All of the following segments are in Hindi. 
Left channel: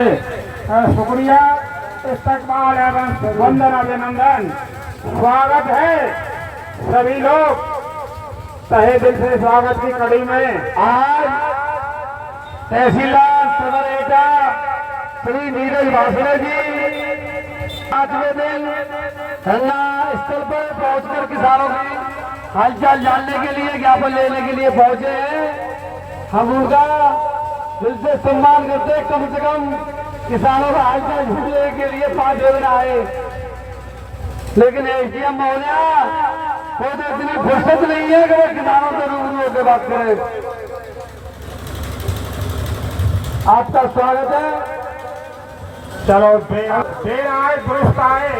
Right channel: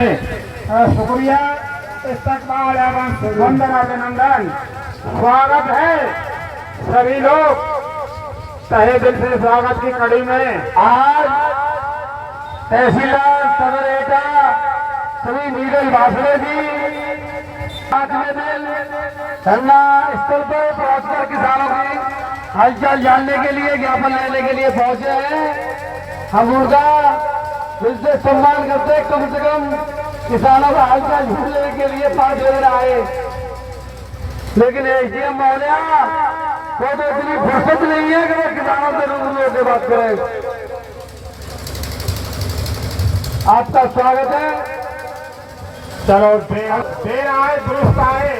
शुक्रिया, इस्तकबाल एवं वंदन अभिनंदन। स्वागत है सभी लोग, तहे दिल से स्वागत की कड़ी में आज तहसीलदार सदर एटा श्री नीरज भाषणे जी 5वें दिन धरना स्थल पर पहुंचकर किसानों की हालचाल जानने के लिए, ज्ञापन लेने के लिए पहुंचे हैं। हम उनका दिल से सम्मान करते हैं। कम से कम किसानों का हालचाल जानने के लिए 5 दिन आए, लेकिन एसडीएम महोदया को तो इतनी फुर्सत नहीं है कि वो किसानों से रूबरू होकर बात करें। आपका स्वागत है। चलो, देर आए दुरुस्त आए,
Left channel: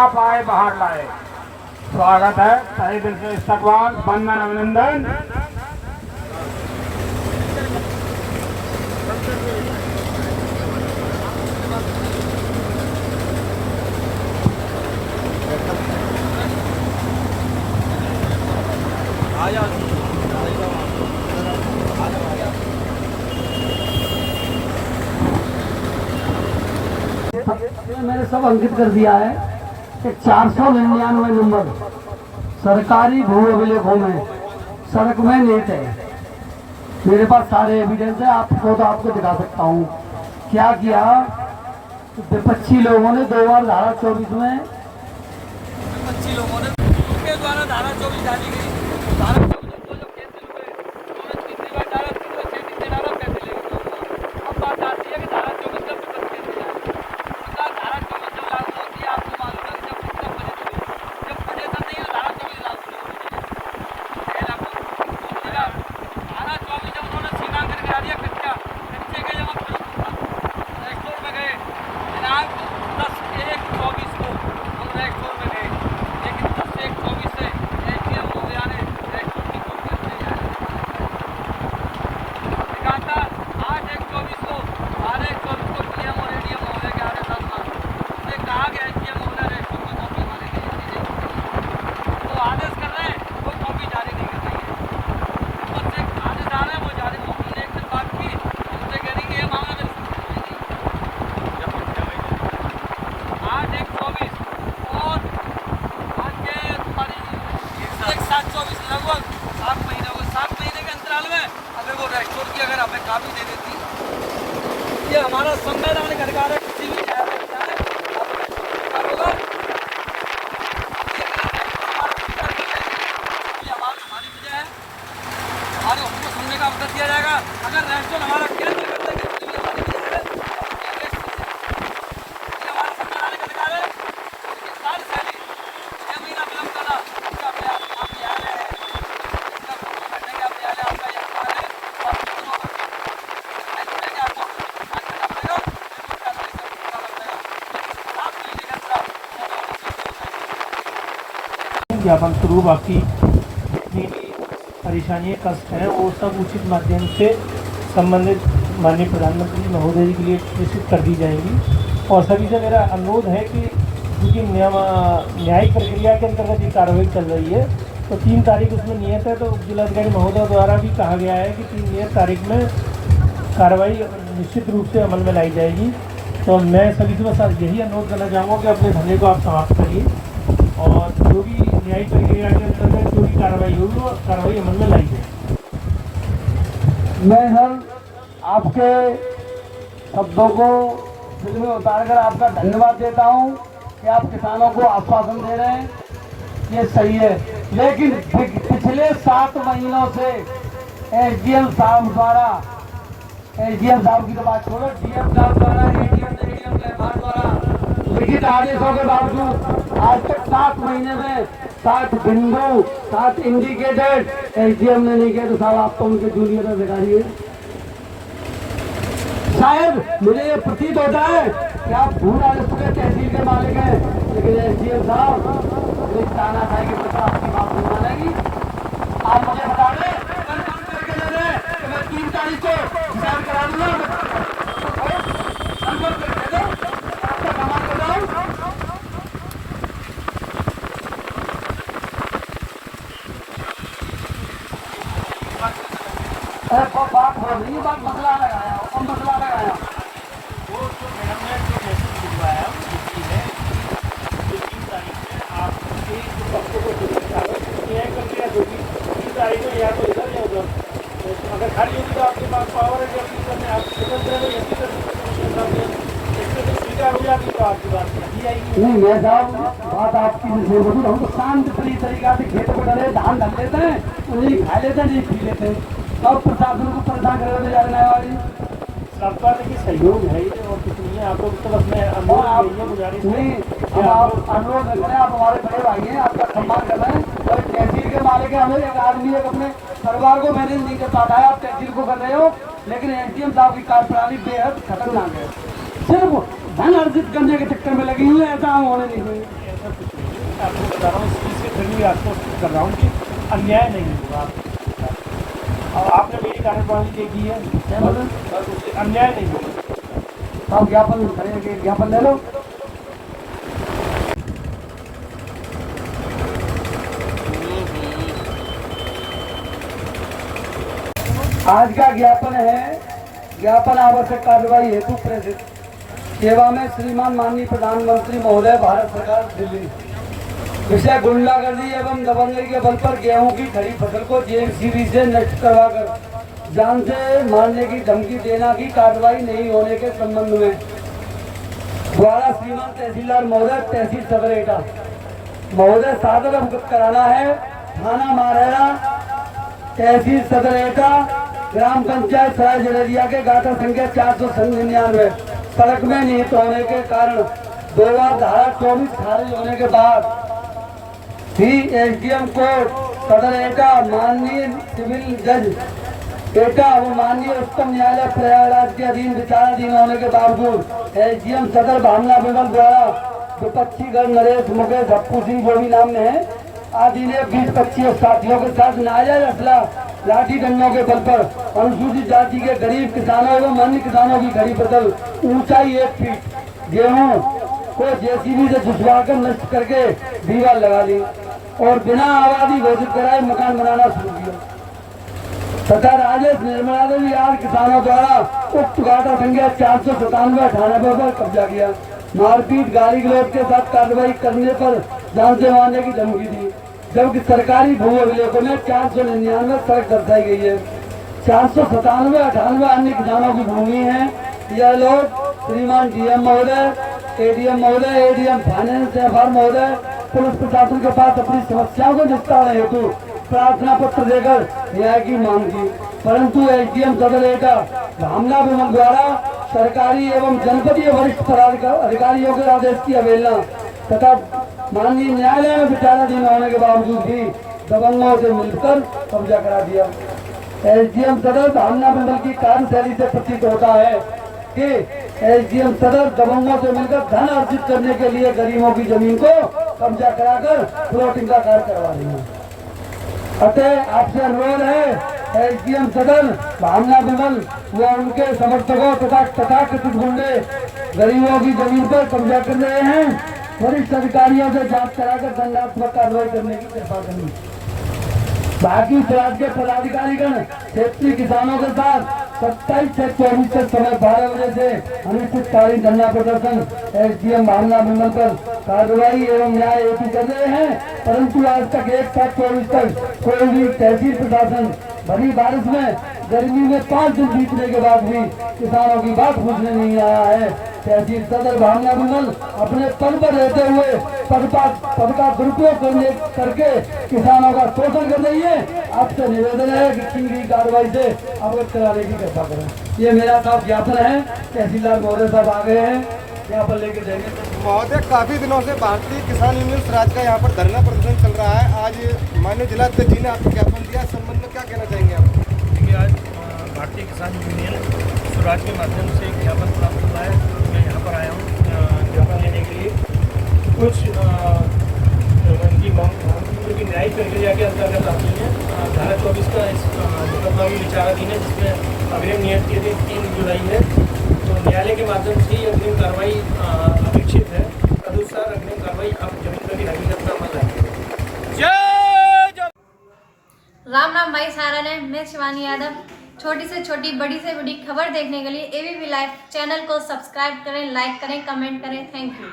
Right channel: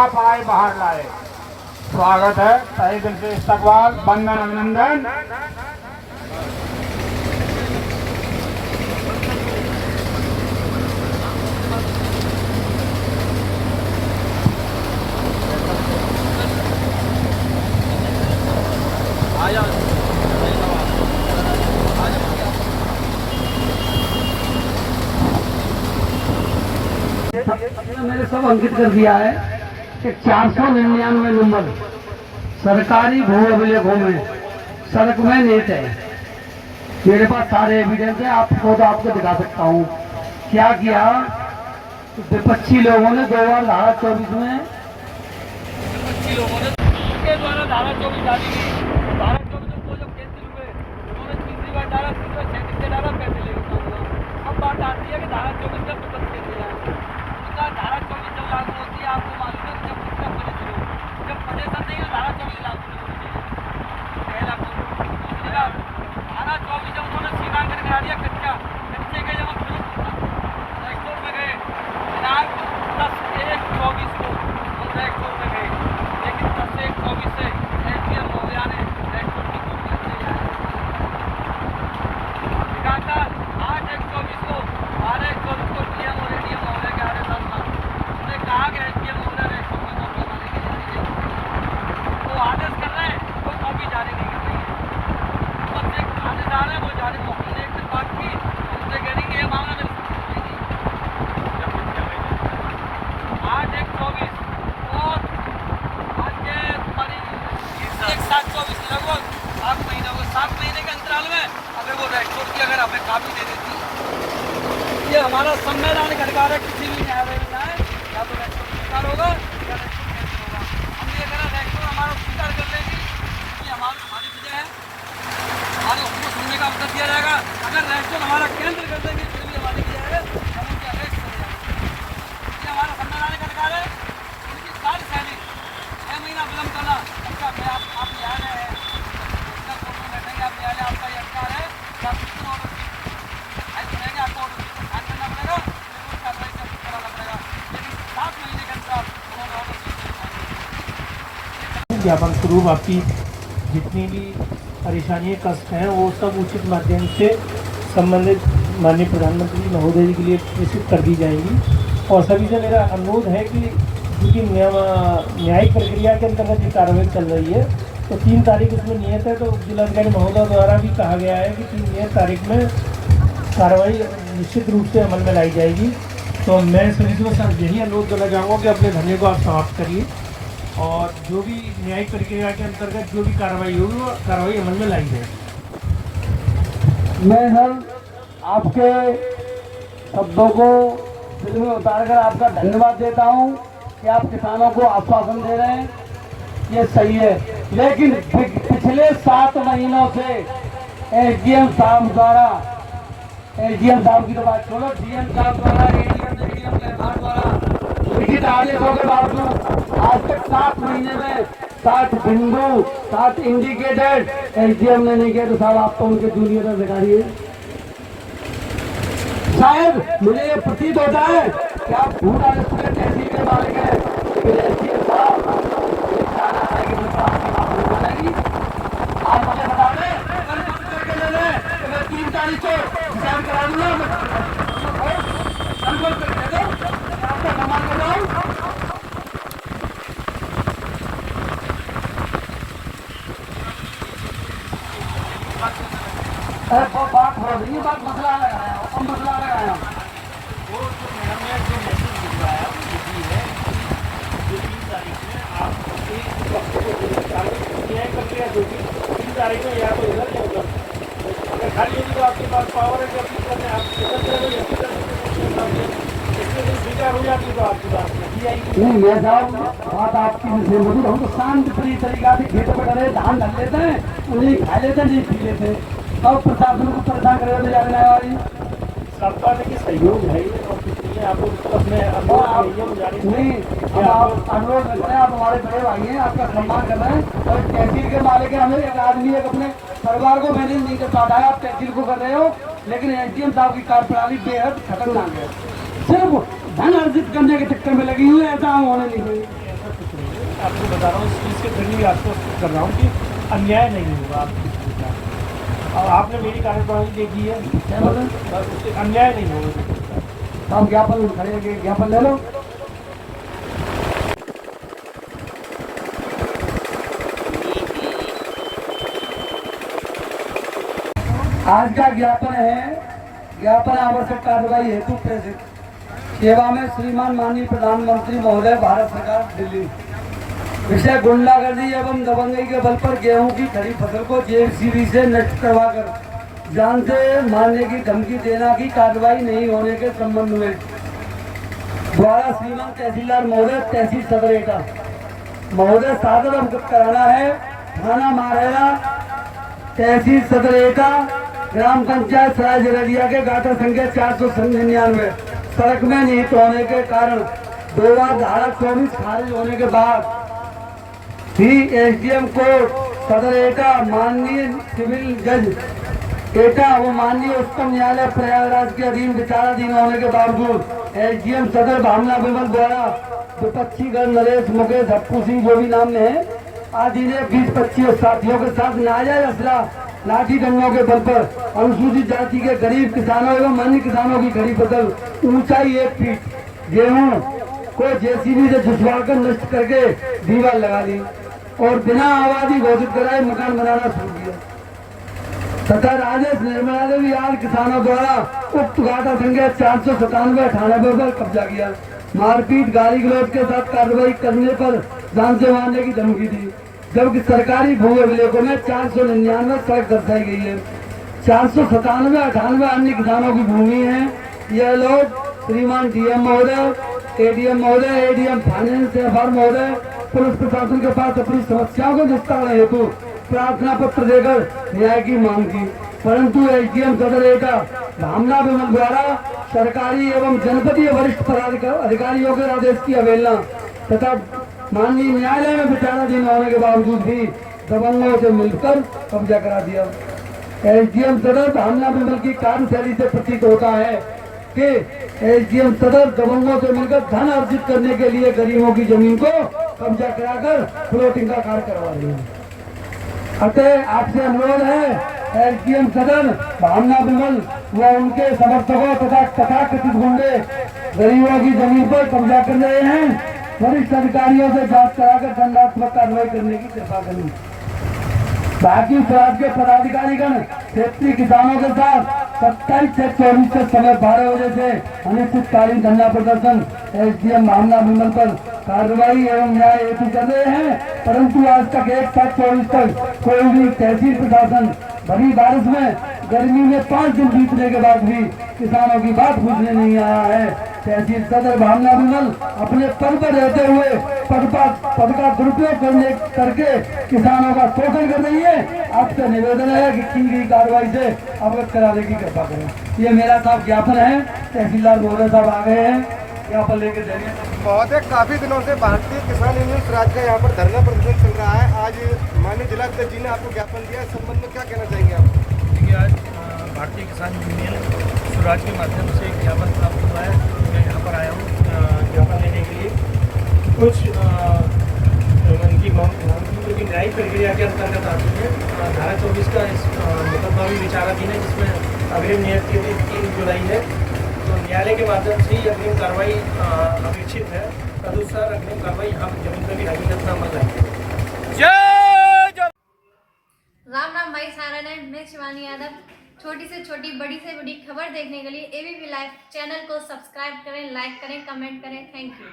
आप आए बाहर लाए। स्वागत है, तहे दिल से इस्तकबाल, वंदन अभिनंदन। मैंने सब अंकित कर दिया है कि 499 नंबर सरकारी भू अभिलेखों में सड़क में नेट है। मेरे पास सारे एविडेंस है, आपको तो आपको दिखा सकता हूँ। क्या किया विपक्षी लोगों ने 2 बार धारा 24 में विपक्षी लोगों ने उनके द्वारा धारा 24 डाली गई। धारा 24 को जो कैंसिल हुए, उन्होंने तीसरी बार डाला, 6 डाला, कैंसिल हुई। अब बात आती है कि धारा 24 का विपक्ष कैसे जाए। धारा 24 जब लागू होती है, आपको मालूम है जब कितना जब पड़ेगा नहीं तो धारा 24 लागू होती है। धारा 24 जब उन्होंने सीमांकन करा दिया कच्चे के जब स्टोर में गए दिनांक 10/1/24 को हम स्टोर में गए, लेकिन 10/1/24 से एसडीएम महोदया ने स्टोर की दिखाता 8/1/24 को 12/1/24 को डीएम और एडीएम महोदय के आदेशानुसार उन्होंने कहा कि एसडीएम महोदय स्टोर की कॉपी हमारे लिए जारी करेंगे। वो आदेश कर रहे हैं, वो कॉपी जारी नहीं कर रही है। बस एक आदेश आ रहा है, वो जारी हमने एक दिन बात की, हमसे कह रही है ये मांगा मेरे 8/1/24 और आज के 1/7/24 लगभग 7 महीने हो गए। 7 महीने के अंतराल में अगर वो रेस्टोर की अगर हमें काफी दे देती, ये हमारा संवैधानिक अधिकार है। किसी भी न्यायालय में जाए आप रेस्टोर होगा, हमारा स्वीकार कर लेंगे कि हमारी वजह है और हमको सुनने का अवसर दिया जाएगा। अगर रेस्टोर हमारा केंद्र कर देंगे तो भी हमारी वजह है, हमारा संवैधानिक अधिकार है। उनकी सारी शैली 6 महीना विलंब करना, इसका आप न्यायालय है, बैठेंगे आप न्यायालय, आपका ये अधिकार है। ज्ञापन स्वरूप आपकी जितनी भी परेशानियाँ कष्ट हैं वो सब उचित माध्यम से संबंधित माननीय प्रधानमंत्री महोदय जी के लिए प्रेषित कर दी जाएंगी। और सभी से मेरा अनुरोध है कि क्योंकि न्यायिक प्रक्रिया के अंतर्गत ये कार्रवाई चल रही है, तो 3 तारीख उसमें नियत है, तो जिलाधिकारी महोदय द्वारा भी कहा गया है कि 3 नियत तारीख में कार्रवाई निश्चित रूप से अमल में लाई जाएगी। तो मैं सभी से बस यही अनुरोध करना चाहूँगा कि अपने धरने को आप समाप्त करिए और जो भी न्यायिक प्रक्रिया के अंतर्गत जो भी कार्रवाई होगी वो कार्रवाई अमल में लाई जाए। मैं सर आपके शब्दों को दिल में उतारकर आपका धन्यवाद देता हूं कि आप किसानों को आश्वासन दे रहे हैं, ये सही है। लेकिन पिछले 7 महीनों से एसडीएम साहब द्वारा, एसडीएम साहब की तो बात छोड़ो, डीएम साहब द्वारा, एडीएम द्वारा लिखित आदेशों के बावजूद आज तक 7 महीने में 7 बिंदु 7 इंडिकेटेड एसडीएम ने नहीं किया। तो साहब आप तो उनके जूनियर अधिकारी है। शायद मुझे ये प्रतीत होता है कि आप पूरा निश्चित तहसील के मालिक हैं, लेकिन एसडीएम साहब कहना था कि आपकी बात नहीं बताएगी। आप मुझे बता दें, कल करके दे दें कि मैं 3 तारीख को डिसाइड करा दूंगा। बात मसला लगाया, मसला लगाया। जाती तो आपकी बात रखी जाएगी। नहीं मेरे साहब बात आपकी जैसे मजबूर हम तो शांत प्रिय तरीका से खेतों में डले धान धर लेते हैं, उन्हें खा लेते हैं, नहीं पी लेते हैं, और प्रशासन को परेशान करने जा रहे हैं। सरकार देखिए सहयोग है ही और कुछ नहीं है। आपको मतलब मैं अनुरोध गुजारिश नहीं आप अनुरोध रख रहे हैं, आप हमारे बड़े भाई हैं, आपका सम्मान कर रहे हैं, और तहसील के मालिक हैं, हमें एक आदमी एक अपने परिवार को मैनेज नहीं कर पाता है, आप तहसील को कर रहे हो, लेकिन एसडीएम साहब की कार्यप्रणाली बेहद खतरनाक है, सिर्फ धन अर्जित करने के चक्कर में लगी हुई है, ऐसा हम होने नहीं देंगे। आपको बता रहा हूँ इस चीज़ के जरिए आपको कर रहा हूँ कि अन्याय नहीं होगा और आपने मेरी कार्यप्रणाली देखी है बस उससे अन्याय नहीं होगा। तो हम ज्ञापन करेंगे, ज्ञापन ले लो। आज का ज्ञापन है, ज्ञापन आवश्यक कार्रवाई हेतु प्रेषित सेवा में श्रीमान माननीय प्रधानमंत्री महोदय भारत सरकार दिल्ली। विषय गुंडागर्दी एवं दबंगई के बल पर गेहूं की खड़ी फसल को जेसीबी से नष्ट करवाकर जान से मारने की धमकी देना की कार्रवाई नहीं होने के संबंध में द्वारा श्रीमान तहसीलदार महोदय तहसील सदर एटा महोदय सादर अवगत कराना है। थाना मारेरा तहसील सदर एटा ग्राम पंचायत सराय जगरिया के गाटर संख्या 499 सड़क में निहित होने के कारण 2 बार धारा 24 खारिज होने के बाद भी एसडीएम कोर्ट सदर एटा माननीय सिविल जज एटा व माननीय उच्चतम न्यायालय प्रयागराज के अधीन विचाराधीन होने के बावजूद एसडीएम सदर भावना विमल द्वारा विपक्षी गण नरेश मुकेश हप्पू सिंह जो भी नाम में है आदि ने 20-25 साथियों के साथ नाजायज असला लाठी डंडों के बल पर अनुसूचित जाति के गरीब किसानों एवं अन्य किसानों की खड़ी फसल ऊंचाई 1 फीट गेहूं को जेसीबी से झुसवाकर नष्ट करके दीवार लगा दी और बिना आबादी घोषित कराए मकान बनाना शुरू किया तथा राजेश निर्मला देवी आज किसानों द्वारा उक्त गाटा संख्या 497-98 पर कब्जा किया। मारपीट गाली गलौज के साथ कार्रवाई करने पर जान से मारने की धमकी दी, जबकि सरकारी भूमि अभिलेखों में 499 सड़क दर्शाई गई है। 497-98 अन्य किसानों की भूमि है। यह लोग श्रीमान डीएम महोदय, एडीएम महोदय, एडीएम फाइनेंस एफआर महोदय पुलिस प्रशासन के पास अपनी समस्याओं के निस्तारण हेतु प्रार्थना पत्र देकर न्याय की मांग की, परंतु एसडीएम सदर एटा भावना विमल द्वारा सरकारी एवं जनपदीय वरिष्ठ अधिकारियों के आदेश की अवहेलना तथा माननीय न्यायालय में विचाराधीन होने के बावजूद भी दबंगों से मिलकर कब्जा करा दिया। एसडीएम सदर भावना विमल की कार्यशैली से प्रतीत होता है कि एसडीएम सदर दबंगों से मिलकर धन अर्जित करने के लिए गरीबों की जमीन को कब्जा कराकर फ्लोटिंग का कार्य करवा रही है। अतः आपसे अनुरोध है एसडीएम सदर भावना विमल व उनके समर्थकों तथा तथाकथित गुंडे गरीबों की जमीन पर कब्जा कर रहे हैं, वरिष्ठ अधिकारियों से जांच कराकर दंडात्मक कार्रवाई करने की कृपा करें। बाकी स्वराज के पदाधिकारीगण क्षेत्रीय किसानों के साथ 27 से 24 तक समय 12 बजे से अनिश्चितकालीन धरना प्रदर्शन एसडीएम भावना विमल पर कार्रवाई एवं न्याय हेतु कर रहे हैं, परंतु आज तक 1 साल 24 तक कोई भी तहसील प्रशासन भरी बारिश में गर्मी में 5 दिन बीतने के बाद भी किसानों की बात पूछने नहीं आया है। तहसील सदर भावना विमल अपने पद पर रहते हुए पद का दुरुपयोग करके किसानों का शोषण कर रही है। आपसे निवेदन है कि की गई कार्रवाई से अवगत कराने की कृपा करें। ये मेरा साहब ज्ञापन है, तहसीलदार महोदय साहब आ गए हैं, ज्ञापन लेके देंगे। महोदय, काफी दिनों से भारतीय किसान यूनियन स्वराज का यहाँ पर धरना प्रदर्शन चल रहा है। आज माननीय जिलाध्यक्ष जी ने आपको ज्ञापन दिया, इस संबंध में क्या कहना चाहेंगे आप? देखिए, आज भारतीय किसान यूनियन स्वराज के माध्यम से ज्ञापन प्राप्त हुआ है। मैं यहाँ पर आया हूँ ज्ञापन लेने के लिए। कुछ उनकी जो कि न्यायिक प्रक्रिया के अंतर्गत आती है। धारा 24 का इस मुकदमा भी विचाराधीन है, जिसमें अग्रिम नियत की 3 जुलाई है। तो न्यायालय के माध्यम से ही अग्रिम कार्रवाई अपेक्षित है। तदनुसार अग्रिम कार्रवाई हम जमीन पर भी राज्य जनता अमल लाएंगे। राम राम भाई सारा ने, मैं शिवानी यादव। छोटी से छोटी, बड़ी से बड़ी खबर देखने के लिए एबीपी लाइव चैनल को सब्सक्राइब करें, लाइक करें, कमेंट करें। Thank you.